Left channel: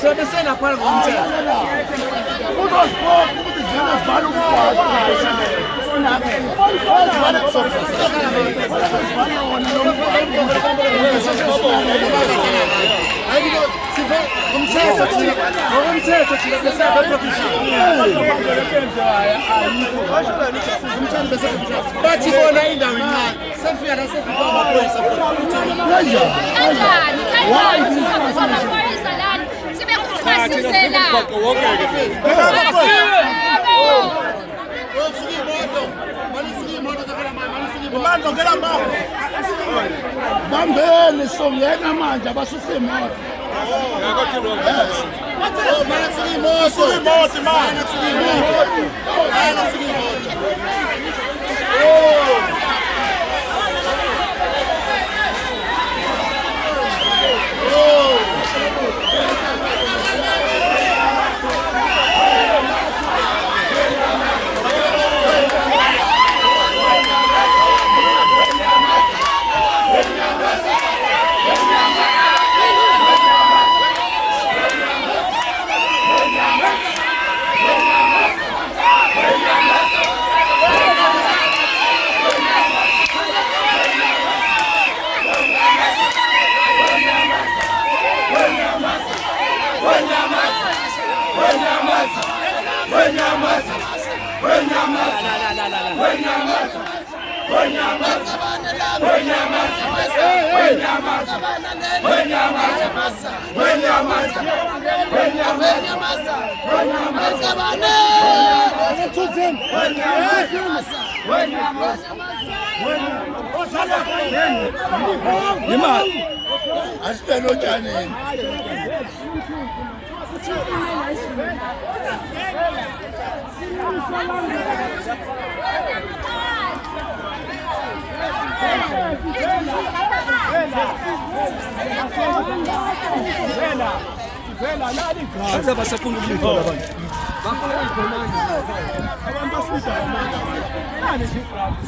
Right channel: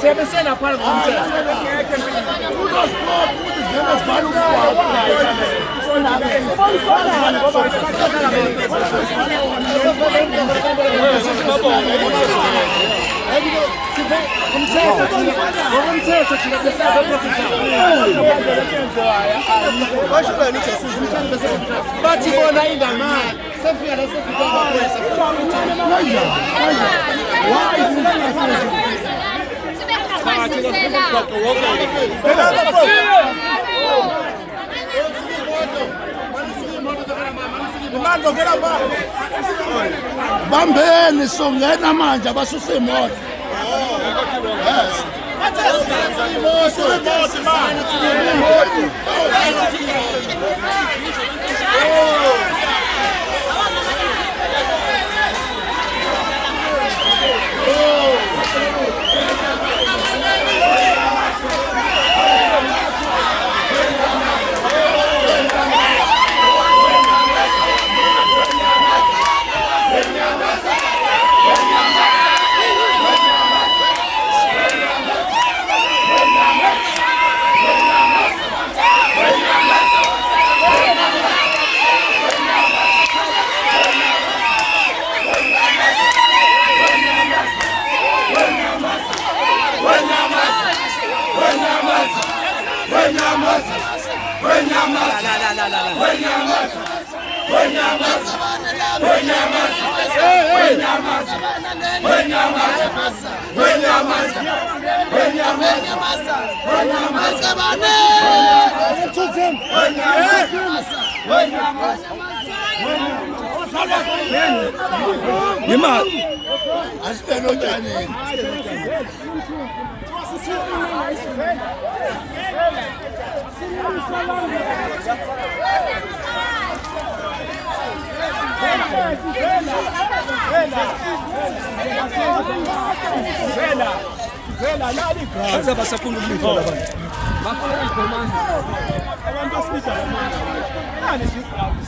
Sebesena pale kumte. Kudos sport, kudos velas balu kwa. Umthetho thina bese abaprofessional. Bathi bona indawo incane. Sefika la sefika amaphoyisa futhi. Why? Bambeni songena manje abasuse imoto. Yes. Aza basaphunga ukumthola abantu. Bafaka ikhomanda. Abantu basibizwa ngamanga. Nani izigrafu?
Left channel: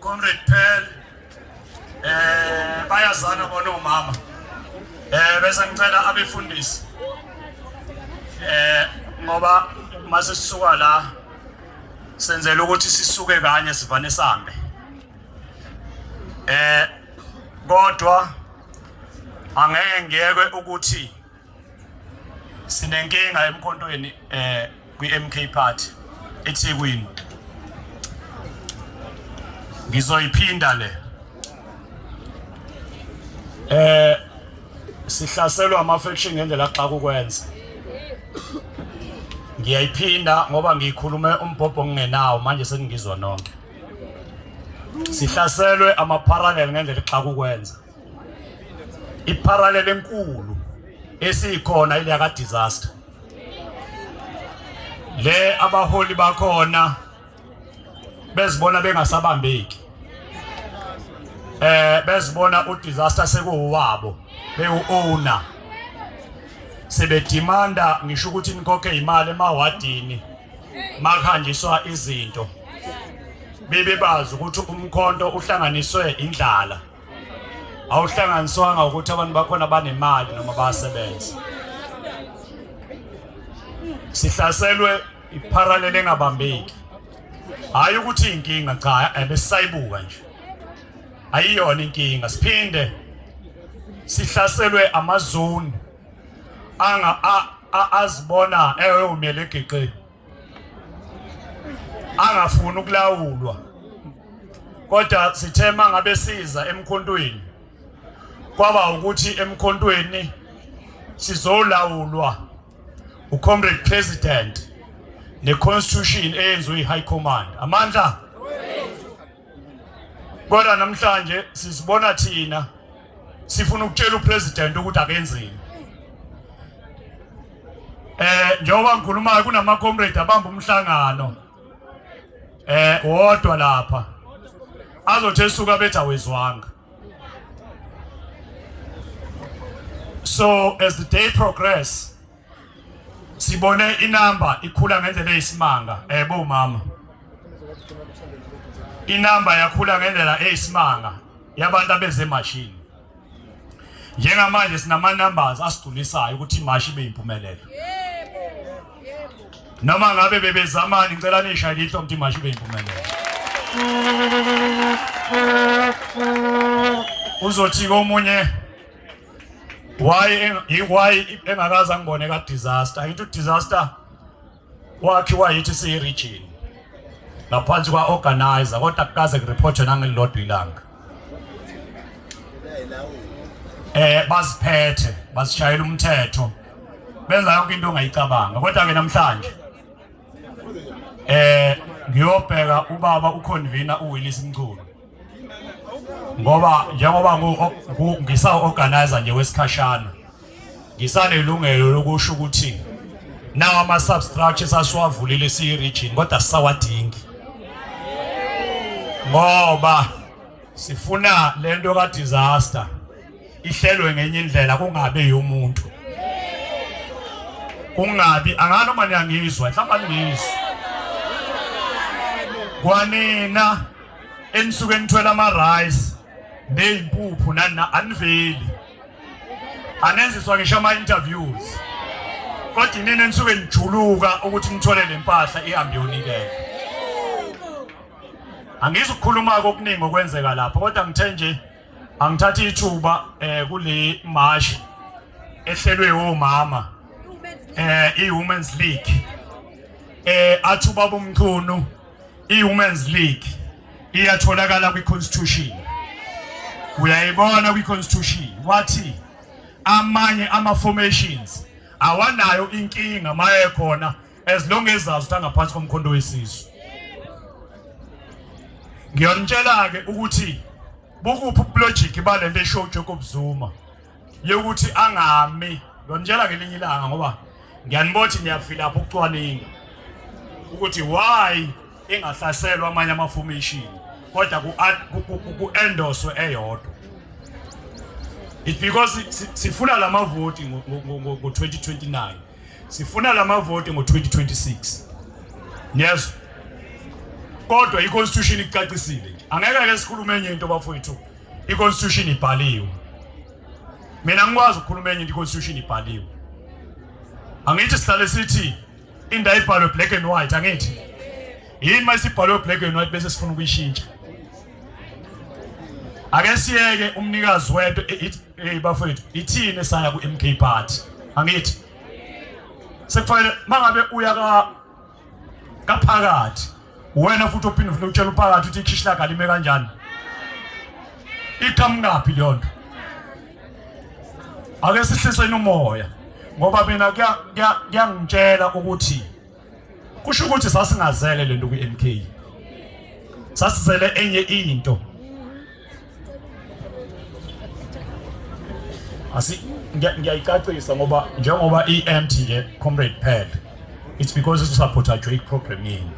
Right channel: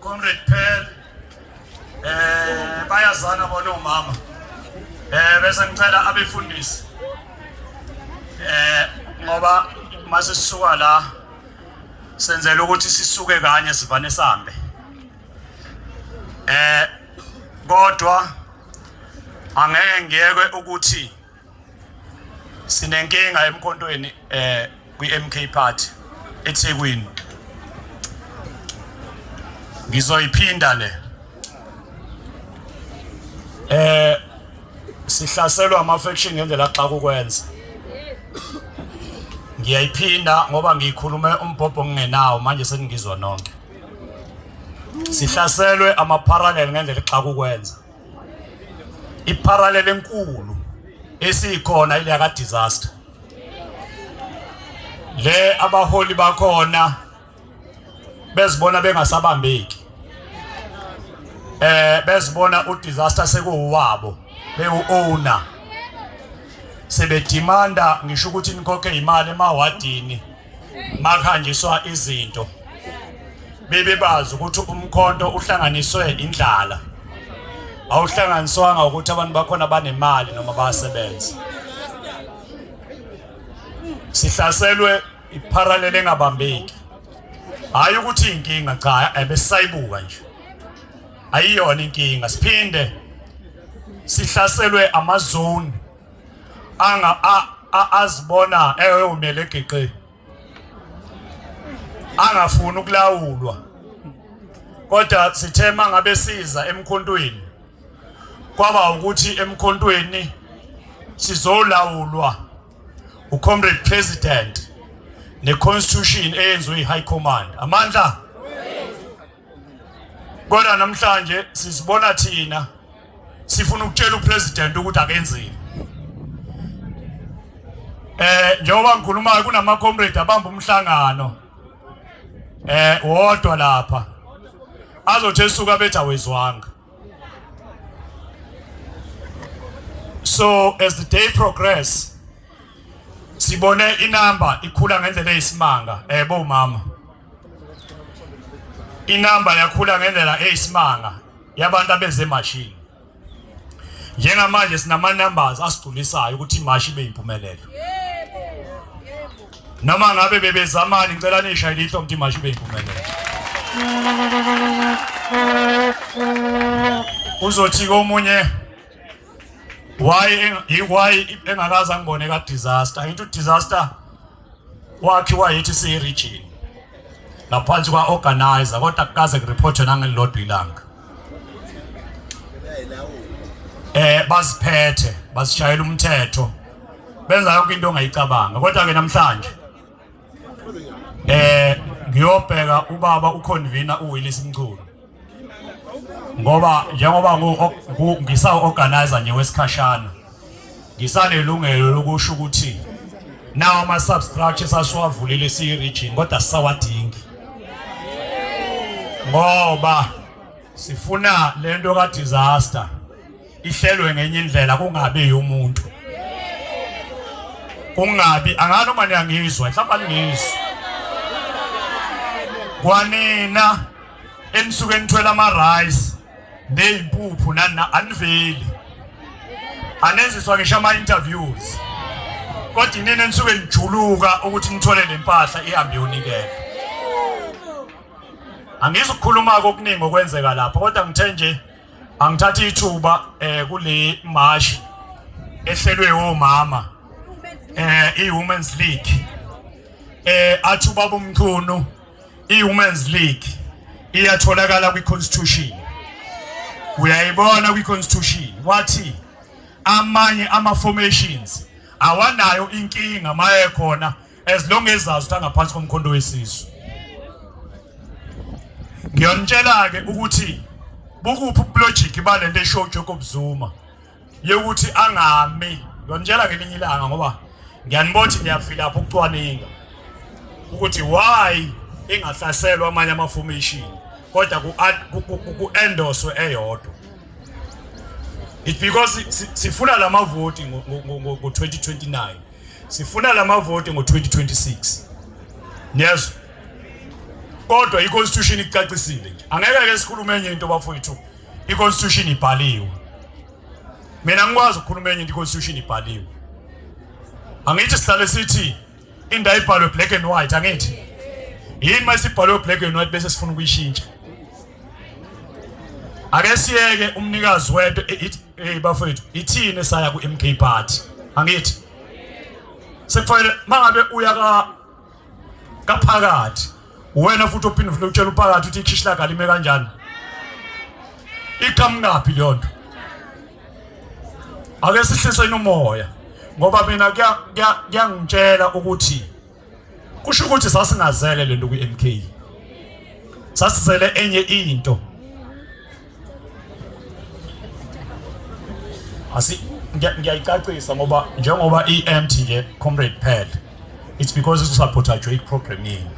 Comrade Pearl bayazana bona umama bese ngicela abefundisi ngoba mase sisuka la senzela ukuthi sisuke kanye sivane sambe kodwa angeke ngiyekwe ukuthi sinenkinga emkhontweni kwi-MK party eThekwini ngizoyiphinda le sihlaselwa ama-faction ngendlela xa kukwenza ngiyayiphinda ngoba ngiyikhulume umbhobho ngingenawo manje seningizwa nonke sihlaselwe ama-parallel ngendlela xa kukwenza i-parallel enkulu esikhona ile yaka disaster le abaholi bakhona bezibona bengasabambeki bezibona udisaster sekuwabo bewu-owner sebedimanda ngisho ukuthi nikhokhe imali emawadini makhanjiswa izinto bebebazi ukuthi umkhonto uhlanganiswe indlala awuhlanganiswanga ukuthi abantu bakhona banemali noma bayasebenza sihlaselwe iparallel engabambeki hayi ukuthi inkinga cha ebesisayibuka nje ayiyona inkinga siphinde sihlaselwe amazone azibona umele egeqe angafuni ukulawulwa kodwa sithema ngabe siza emkhontweni kwaba ukuthi emkhontweni sizolawulwa uComrade President neConstitution eyenziwe iHigh Command amandla kodwa namhlanje sisibona thina sifuna ukutshela uPresident ukuthi akenzeni njengoba ngikhuluma kunama comrade abamba umhlangano wodwa lapha azothi esuka bethu awezwanga. So as the day progress sibone inamba ikhula ngendlela eyisimanga bo mama inamba yakhula ngendlela eyisimanga yabantu abeze machine njengamanje sinama numbers asidulisayo ukuthi imashi ibe impumelelo noma ngabe bebezamani ngicela nisha litho ukuthi imashi ibe impumelelo uzothi komunye why engakaza ngibone ka disaster into disaster wakhiwa yithi si region laphansi kwa organizer kodwa kukaze kureport nangelilodwa ilanga basiphethe basishayela umthetho benza yonke into ongayicabanga kodwa ke namhlanje ngiyobheka ubaba uconvener uWillis Mchunu ngoba njengoba ngisa organizer nje wesikhashana ngisanelungelo lokusho ukuthi nawo ama substructures asiwavulile siyiregion kodwa sisawadingi ngoba sifuna lento ka disaster ihlelwe ngenye indlela kungabe yomuntu kungabi anganoma niyangizwa mhlawumbe ngizwa kwanina enisuke nithwela ama rice nezimpuphu nana aniveli anenziswa ngisho ama interviews kodwa inene nisuke nijuluka ukuthi nithole lempahla ihambe yonikela angizokukhuluma okuningi okwenzeka lapha kodwa ngithe nje angithatha ithuba kule march ehlelwe omama i-Women's League athuba bomchunu i-Women's League iyatholakala kwi-constitution uyayibona kwi-constitution wathi amanye ama-formations awanayo inkinga maye khona as long as zazi ngaphansi komkhondo wesizwe ngiyonitshela ke ukuthi bukuphi logic balento eshow Jacob Zuma yokuthi angami ngiyonitshela ngelinye ilanga ngoba ngiyanibona ngiyafila lapho ukucwaninga ukuthi why engahlaselwa amanye ama-formation kodwa ku-endorse eyodwa it's because sifuna lama vote ngo-2029 sifuna lama vote ngo-2026 yes kodwa i-constitution icacisile nje angeke ke sikhulume enye into bafowethu i-constitution ibhaliwe mina ngikwazi ukukhuluma enye into i-constitution ibhaliwe angithi sihlale sithi indawo ibhalwe black and white angithi yini masibhalwe black and white bese sifuna ukuyishintsha ake siyeke umnikazi wento bafowethu ithini saya ku MK party angithi sekufanele mangabe uya kaphakathi wena futhi uphinde ufuna ukutshela uphakathi uthi ikhishla kalime kanjani iqhamukapi lonto ake sihliseni umoya ngoba mina kuyangitshela ukuthi kusho ukuthi sasingazele lento ku MK sasizele enye into ngiyayicacisa ngoba njengoba i-empty nje comrade Phel it's because it support a Drake program yini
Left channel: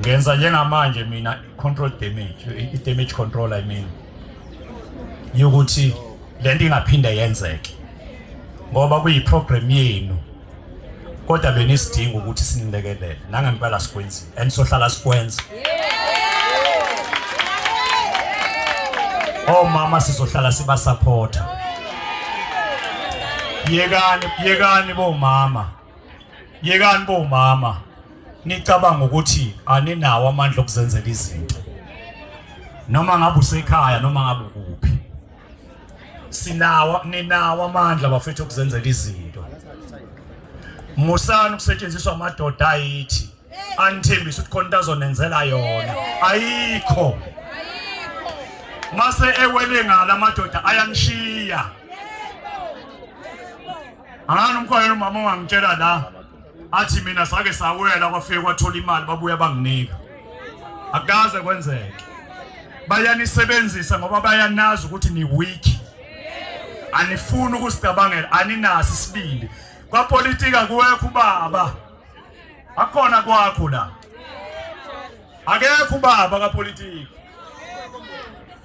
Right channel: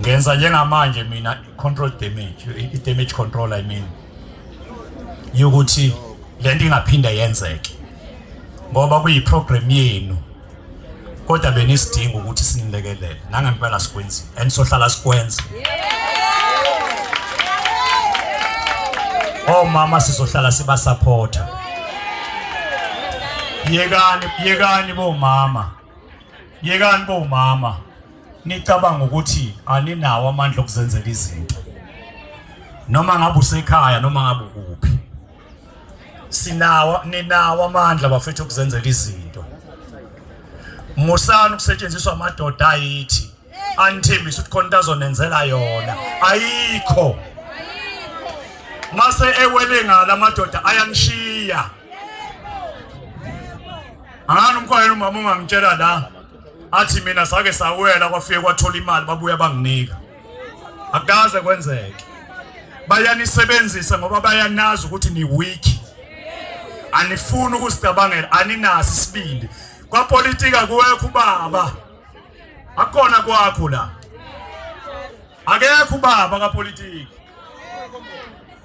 ngenza njengamanje mina control damage i-damage control I mean yokuthi lento ingaphinda yenzeke ngoba kuyiprogram yenu kodwa benisidinga ukuthi sinilekelele nangempela sikwenzi and sohlala sikwenza mama sizohlala siba supporter yekani bomama nicabanga ukuthi aninawo amandla okuzenzela izinto noma ngabe usekhaya noma ngabe ukuphi ninawo amandla bafethu okuzenzela izinto musana ukusetshenziswa amadoda ayithi anithembisa ukuthi khona into azonenzela yona ayikho mase ewele ngala amadoda ayanishiya umkhwelo umama ungangitshela la athi mina sake sawela kwafike kwathola imali babuya banginika akaze kwenzeke bayanisebenzisa ngoba bayanazi ukuthi ni weak anifuni ukusicabangela aninasi isibili kwapolitika kuwekho ubaba akona kwakho la akekho ubaba kapolitika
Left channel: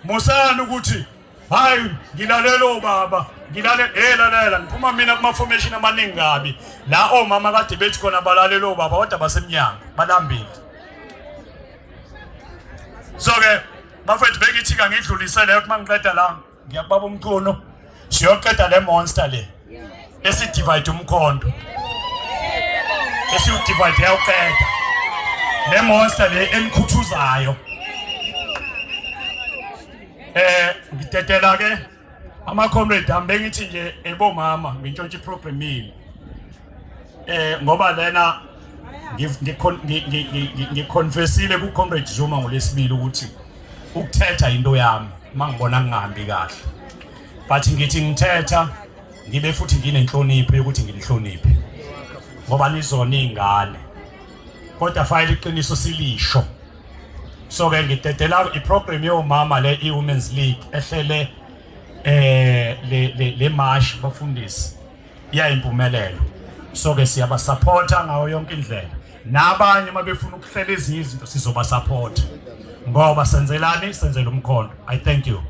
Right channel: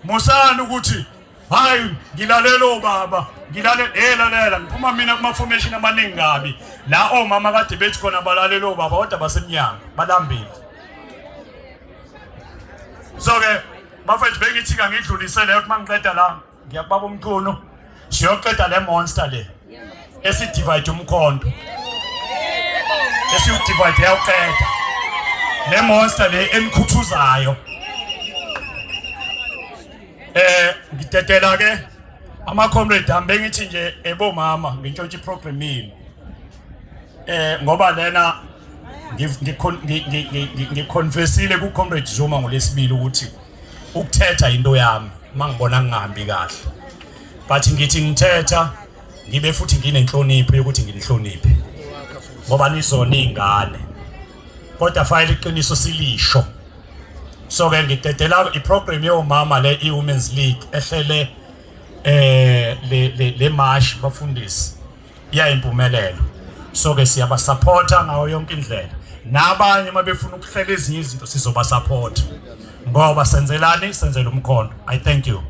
mosani ukuthi hayi ngilalela baba lalela ngiphuma mina kuma formation amaningi kabi la omama kade bethi khona balalela baba kodwa basemnyango balambile so ke bafethu bekithi ngidlulisele ukuthi mangiqeda la ngiyababa umkhono siyoqeda le monster le esidivide umkhondo esiyudivide yayoqeda le monster le enikhuthuzayo ngidedela ke ama comrade ambe ngithi nje ebomama ngintshontsha iprogram yini ngoba lena ngiconfessile ku comrade Zuma ngolesibili ukuthi ukuthetha into yami mangibona ngingahambi kahle but ngithi ngithetha ngibe futhi nginenhlonipho yokuthi nginihloniphe ngoba nizona izingane kodwa file iqiniso silisho so ke ngidedela iprogram yomama le i-Women's League ehlele le march bafundisi yayimpumelelo. So ke siyabasupporta ngayo yonke indlela. Nabanye mabefuna ukuhlela ezinye izinto sizobasupporta. Ngoba senzelani senzela umkhondo. I thank you.